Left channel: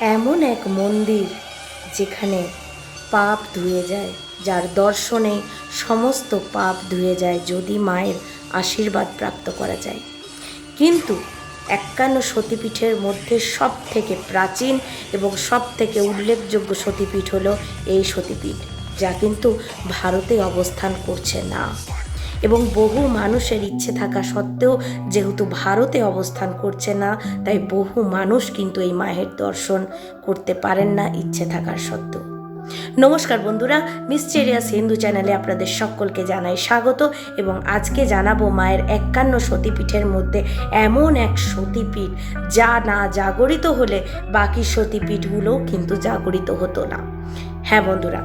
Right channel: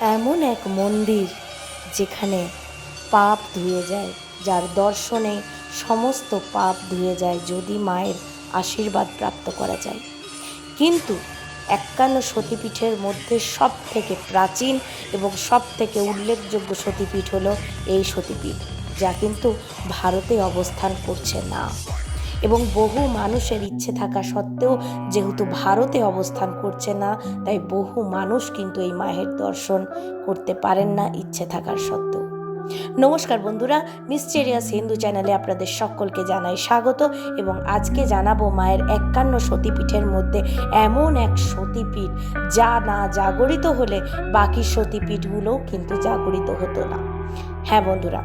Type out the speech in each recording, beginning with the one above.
এমন এক মন্দির যেখানে পাপ ধুয়ে যায়, যার দর্শনে সমস্ত পাপ ধুয়ে যায় যদি মায়ের আশীর্বাদ প্রাপ্ত করা যায়। কিন্তু একান্ন সতীপীঠের মধ্যে সব থেকে প্রাচীন এবং সব থেকে উল্লেখযোগ্য সতীপীঠ হলো এই সতীপীঠ, যা কিন্তু ভারতে অবস্থান করছে না। এবং বহু মানুষের ইচ্ছে থাকা সত্ত্বেও যেহেতু ভারতে অবস্থান করছে না, তাই বহু মানুষ কিন্তু এই মায়ের দর্শন করতে পারেন না ইচ্ছে থাকার সত্ত্বেও। নমস্কার বন্ধুরা মিস্টেরিয়াস হিন্দু চ্যানেলে আপনাদের সকলকে জানাই স্বাগত এবং আজকে জানাব মায়ের একান্ন সতীপীঠের মধ্যে এমন এক সতীপীঠ যা না জাগরিত হলে বাকি সতীপীঠগুলোও কিন্তু জাগরিত হতো না। হ্যাঁ বন্ধুরা,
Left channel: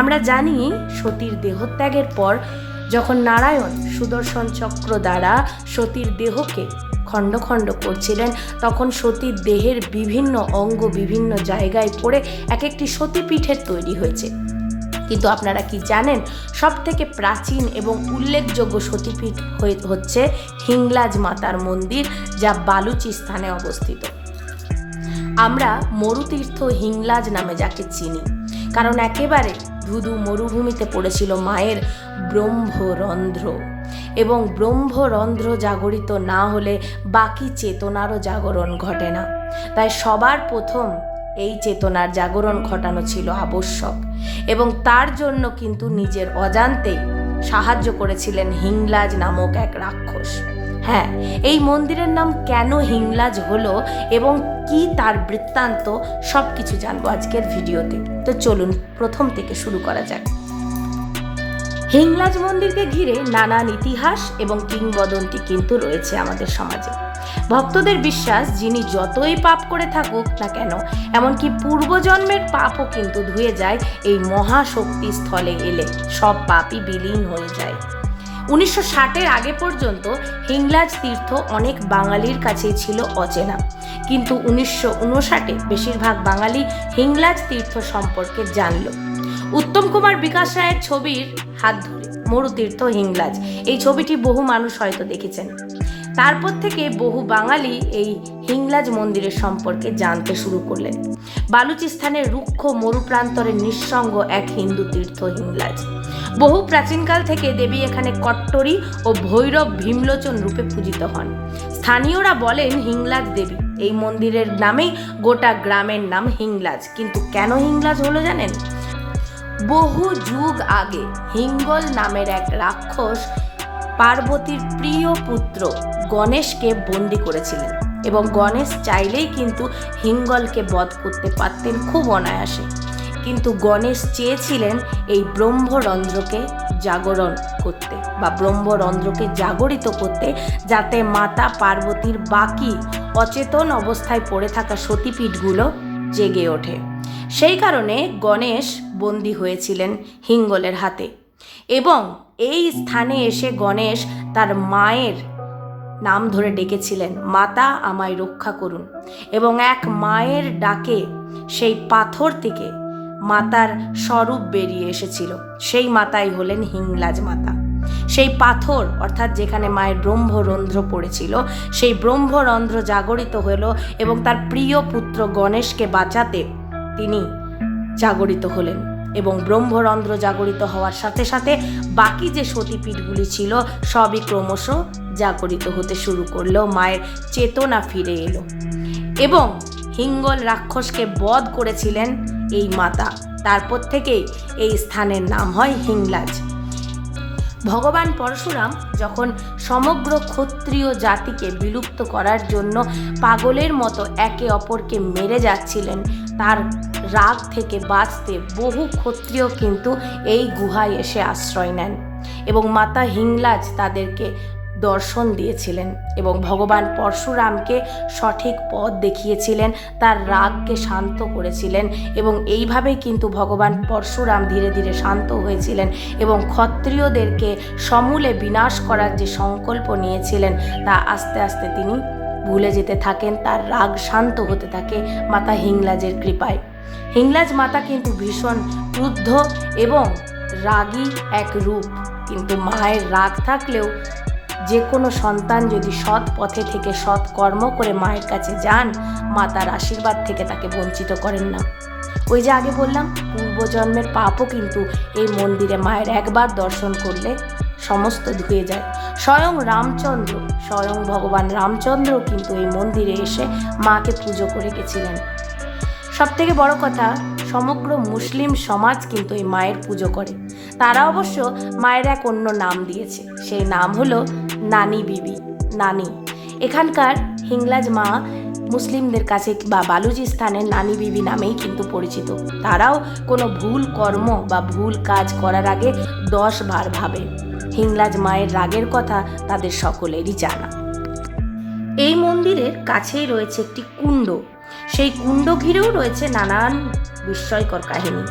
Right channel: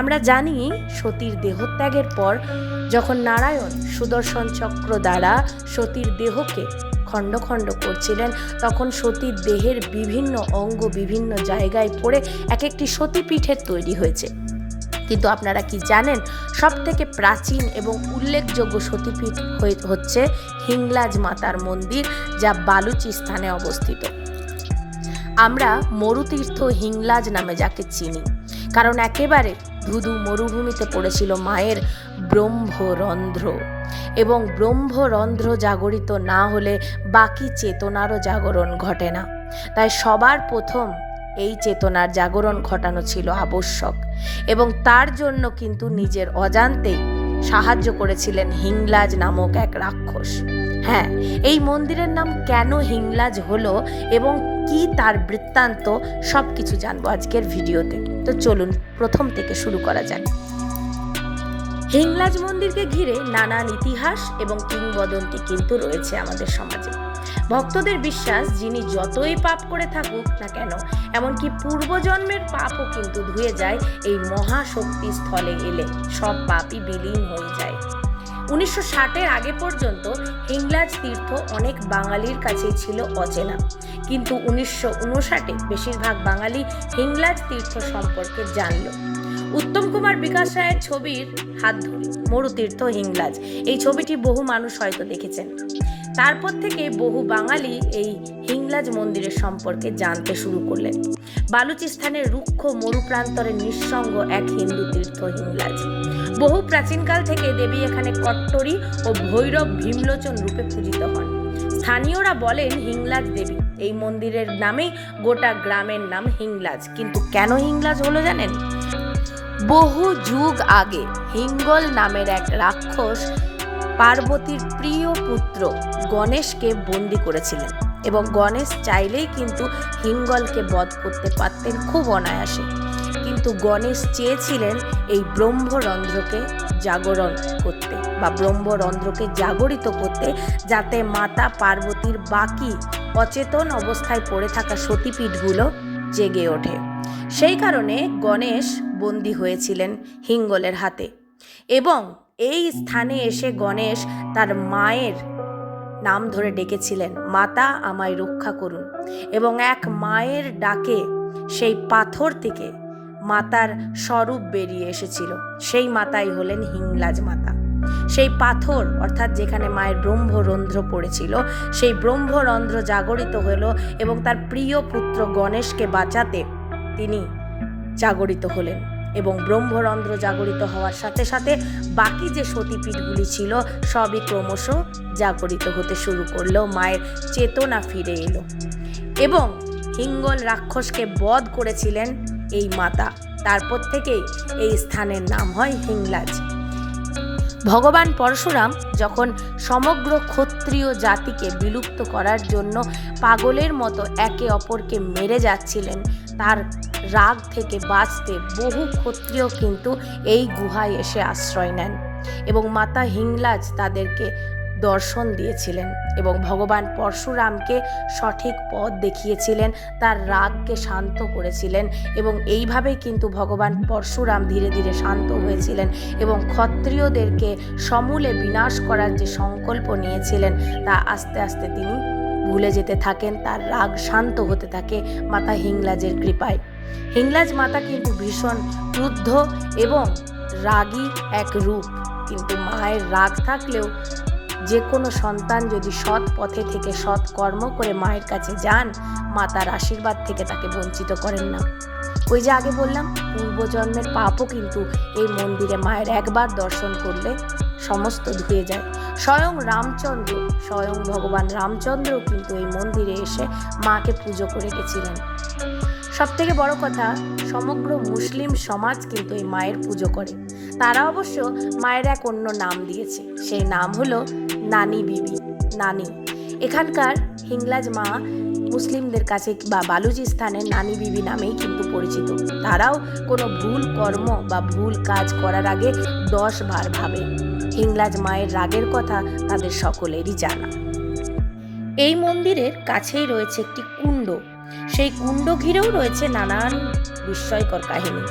আমরা জানি সতীর দেহত্যাগের পর যখন নারায়ণ সুদর্শন চক্র দ্বারা সতীর দেহকে খণ্ড খণ্ড করছিলেন, তখন সতীর দেহের বিভিন্ন অঙ্গ বিভিন্ন জায়গায় পড়ে এক একটি সতীপীঠের তৈরি হয়েছে। কিন্তু আপনারা কি জানেন সব থেকে প্রাচীন এবং উল্লেখযোগ্য সতীপীঠ হয়ে- হচ্ছে হিংলাজ মাতার মন্দির, যা বালুচিস্তানে অবস্থিত। আমরা মরুতীর্থ হিংলাজ নামে যাকে চিনি, কারণ একেবারে ধুধু মরুভূমিতে পড়েছিল মায়ের ব্রহ্মরন্ধ্র। এবং ব্রহ্মরন্ধ্র জাগরিত না হলে বাকি চেতনারও জাগরণ ঘটে না। তাই সবার প্রথম এই চেতনার জাগরণ ঘটানো ছিল আবশ্যক। এবং তার জন্য কিন্তু নিজের অজান্তেই সাহায্য করেছিলেন হিংলাজ নামক এক রাক্ষস। হ্যাঁ এই মন্দিরের নাম কেন হিংলাজ হলো এবং কি তার বৃত্তান্ত সব কিছু জানব আজকের ভিডিওতে। তো চলুন, প্রথম থেকে শুরু করা যাক। হিংলাজ মন্দিরকে ঘিরে নানান ইতিহাস এবং কিংবদন্তি কিন্তু রয়েছে আমাদের সমাজে। ভক্তদের বিশ্বাস, যিনি যতই পাপ করে থাকুক না কেন, এমনকি পূর্বজন্মের পাপও কিন্তু ধুয়ে যায়, এই মহাশক্তি স্থলে এলে সব পাপই বিলীন হয়ে যায়। উনিশশো ষাটের আগে পর্যন্ত হিংলাজ তীর্থ অনেক বাঙালির কাছেই ছিল অচেনা। কিন্তু উনিশশো উনষাটে বেশিরভাগ বাঙালি হিংলাজ তীর্থ সম্পর্কে জানল। উত্তম কুমার বিকাশ রায়ের ছবির হাত ধরে, মরুতীর্থ হিংলাজ এই ছবিটি বহু মানুষ হয়তো দেখেছেন। তারপর থেকে বহু বাঙালি এই হিংলাজ মন্দিরের সম্পর্কে জানতে শুরু করলেন। বালুচিস্তানের রুক্ষ মরুপ্রান্তরের নিঃসঙ্গ এক হিন্দু তীর্থ হিংলাজ বহু প্রাচীনকাল থেকে দেবী এখানে কট্টরী ও ভৈরব ভীমলোচন রূপে পূজিত হন। স্থানীয়রা বলেন হিংলাজ দেবী, এই মন্দিরের নামেই গোটা গ্রামের নাম হিংলাজ কিন্তু কেন হিংলাজ হলো জানেন? বহু যুগ আগে হিঙ্গল নামের এক রাক্ষস পার্বতীর প্রিয় পুত্র গণেশকে বন্দি করেছিলেন এবং গণেশ চাইলেই কিন্তু হিঙ্গলকে বধ করতে পারতেন খুব অনায়াসে। কিন্তু গণেশ চেয়েছিলেন এই ব্রহ্মরন্ধ্রকে জাগরণ করতে বা ব্রহ্মরন্ধ্রকে জাগরিত করতে যাতে মাতা পার্বতীর বাকি অচেতন অবস্থায় পড়ে থাকা সতীপীঠগুলো জেগে ওঠে। সেই কারণে গণেশ বন্দী হয়েছিলেন হিঙ্গলের হাতে। এবং এই স্থানে এসে গণেশ তার মায়ের নাম ধরে ডেকেছিলেন, মাতা আমায় রক্ষা করুন। এবং এক মায়ের ডাকে সেই পাথর থেকে মাতার স্বরূপ বেরিয়ে এসেছিল। সেই মাতাই হলেন হিংলাজ মাতা। সেই পাথর, অর্থাৎ যেখানে মায়ের ব্রহ্মরন্ধ্র পড়েছিল, সেই ব্রহ্মরন্ধ্র জাগরিত হলো এবং তার প্রিয় পুত্র গণেশকে বাঁচাতে তিনি জাগরিত হলেন এবং ব্রহ্মরন্ধ্র জাগরিত হওয়ার সাথে সাথে বাকি যে সতীপীঠগুলি ছিল, সবই ক্রমশ জাগরিত হতে শুরু করল, মায়ের চেতনা ফিরে এলো এবং হিঙ্গল রাক্ষসকে বধ করেছিলেন এই মাতা। তারপর থেকেই এই স্থানের নাম হয় হিংলাজ। ভগবান পরশুরাম যখন সমগ্র ক্ষত্রিয় জাতিকে বিলুপ্ত করার জন্য পাগলের মতো একে অপরকে মেরে যাচ্ছিলেন তার রাগ থেকে বাঁচতে বহু ক্ষত্রিয় কিন্তু এই গুহায় এসে আশ্রয় নেন এবং মাতা হিংলাজ তাদেরকে দর্শন দিয়েছিলেন এবং ভগবান পরশুরামকে সঠিক পথ দেখিয়েছিলেন, তার রাগকে শান্ত করেছিলেন এবং এইভাবেই কিন্তু ভগবান পরশুরাম ধীরে ধীরে শান্ত হয়েছিলেন এবং ক্ষত্রিয়দেরকে সমূলে বিনাশ করার যে সংকল্প নিয়েছিলেন, তা আস্তে আস্তে তিনি ভুলে যেতে থাকেন, তার রাগ শান্ত হতে থাকে মাতা হিংলাজের কৃপায়। হিংলাজ মাতা কিন্তু ভীষণ ক্রুদ্ধ এবং রাগী এক রূপ। কিন্তু মায়ের রাগ থাকলেও যে কোনো সন্তান যদি সৎ পথে থেকে সৎ কর্ম করে মায়ের কাছে যান মা তার আশীর্বাদ থেকে তাকে বঞ্চিত করেন না। ওই যে আগে বললাম, পূর্বজন্মের পাপও কিন্তু এই মন্দিরে মায়ের একবার দর্শন করলে সমস্ত ধুয়ে যায়। স্বয়ং রামচন্দ্র, স্বয়ং ভগবান রামচন্দ্র কিন্তু এই মন্দিরে এসে মাকে পুজো করে গেছিলেন। সব থেকে বড় কথা, সমগ্র মুসলিম সমাজ কিন্তু এই মায়ের পুজো করে। তারা অবশ্য মায়ের এক অন্য নাম দিয়েছে। সেই নাম হলো নানি বিবি, নানি। এখানকার হিংলাজ মা মুসলিমদের কাছে বা বালুচিস্তানের নানি বিবি নামেই কিন্তু পরিচিত। তারাও কোনো ভুল কর্ম বা ভুল কাজ করার আগে দশ বার ভাবে। হিংলাজ মায়ের রাগের কথা তাদের সকলেরই জানা। এই মন্দিরের কাছেই রয়েছে একটি কুণ্ড। সেই কুণ্ড ঘিরেও রয়েছে নানান বিস্ময়কর কাহিনী।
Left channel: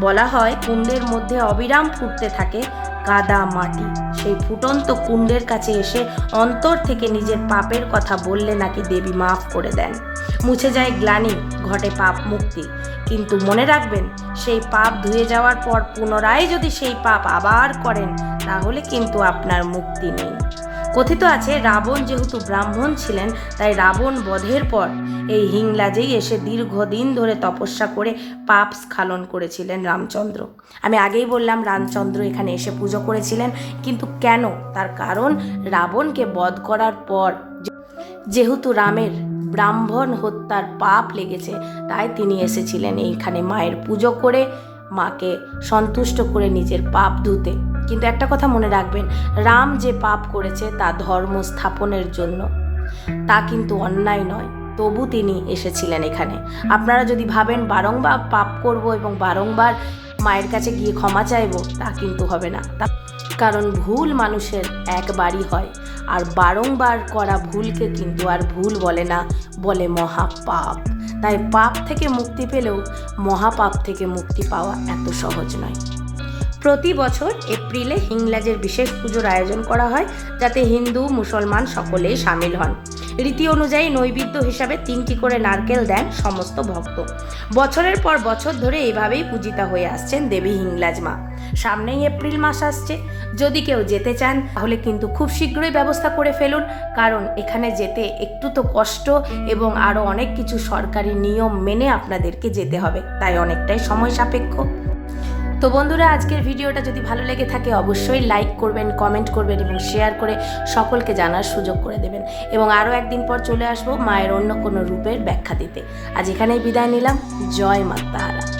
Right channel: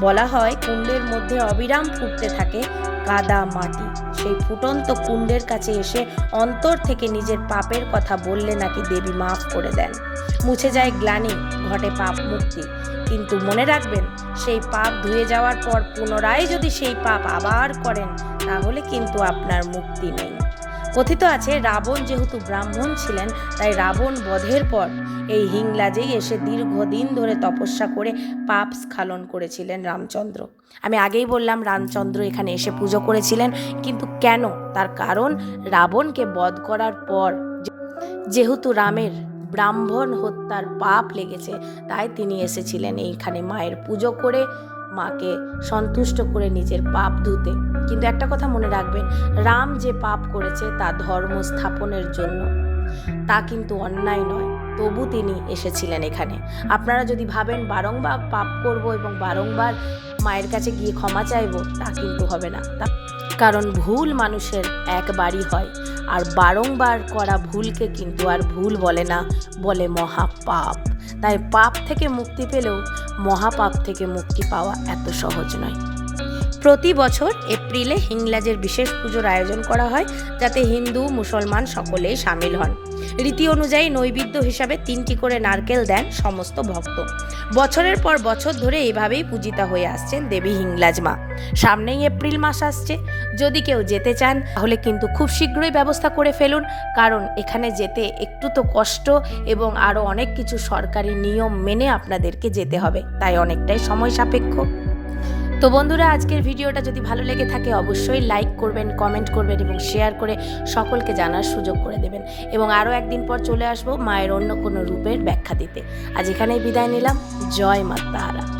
বলা হয়, কুণ্ডের মধ্যে অবিরাম ফুটতে থাকে কাদা মাটি। সেই ফুটন্ত কুণ্ডের কাছে এসে অন্তর থেকে নিজের পাপের কথা বললে নাকি দেবী মাফ করে দেন। মুছে যায় গ্লানি, ঘটে পাপ মুক্তি। কিন্তু মনে রাখবেন, সেই পাপ ধুয়ে যাওয়ার পর পুনরায় যদি সেই পাপ আবার করেন তাহলে কিন্তু আপনার মুক্তি নেই। কথিত আছে, রাবণ যেহেতু ব্রাহ্মণ ছিলেন, তাই রাবণ বধের পর এই হিংলাজেই এসে দীর্ঘদিন ধরে তপস্যা করে পাপ স্খালন করেছিলেন রামচন্দ্র। আমি আগেই বললাম, রামচন্দ্র এখানে এসে পুজো করেছিলেন, কিন্তু কেন? তার কারণ রাবণকে বধ করার পর যেহেতু রামের ব্রাহ্মণ হত্যার পাপ লেগেছে, তাই তিনি এসেছিলেন এইখানে মায়ের পুজো করে, মাকে সন্তুষ্ট করে নিজের পাপ ধুতে। কিন্তু একটা কথা মনে রাখবেন, রাম যে পাপ করেছে তা ধর্ম স্থাপনের জন্য। তা কিন্তু অন্যায় নয়, তবু তিনি এসেছিলেন এখানে। আপনারা যদি ভাবেন বারংবার পাপ করব এবং বারংবার মায়ের কাছে গিয়ে ক্ষমা চাইব, তা কিন্তু হবে না। তা কারণ ভুল মানুষের একবারই হয়, আর বারংবার করা ভুলকে কিন্তু আর ভুল বলে না, বলে মহাপাপ। তাই পাপ থেকে মুক্তি পেলেও মহাপাপ থেকে মুক্তি পাওয়া এত সহজ নয়। প্রতি বছর এপ্রিলে হিংলাজের বিশেষ পুজোর আয়োজন করা হয়, যাতে হিন্দু, মুসলমান সকলেই সামিল হন। রীতি অনুযায়ী নৈবেদ্য হিসাবে তিনটি করে নারকেল দেন সমস্ত ভক্ত। বছরের পর বছর ধরে এইভাবেই পূজিতা হয়ে আসছেন দেবী হিংলাজ মা। সামনেই এপ্রিল মাস আসছে। যদি কেউ যেতে চান, তাহলে কিন্তু খুব শীঘ্রই ব্যবস্থা করে ফেলুন। কারণ এখানে যেতে একটু তো কষ্ট এবং আরও অনেক কিছু সরকারি নিয়ম মেনে আপনাদেরকে যেতে হবে। তাই অনেকটাই সময় সাপেক্ষ। তো বন্ধুরা, আজকের ভিডিওটা যদি ভালো লেগে থাকে, অবশ্যই লাইক করবেন কমেন্ট করবেন এবং শেয়ার করে সকলকে জানার সুযোগ করে দেবেন। এবং আরও একদিন পর চলে আসব মায়ের অন্য কোনো রূপের ব্যাখ্যা দিতে। আজ এখানেই বিদায় নিলাম। জয় মা তারা।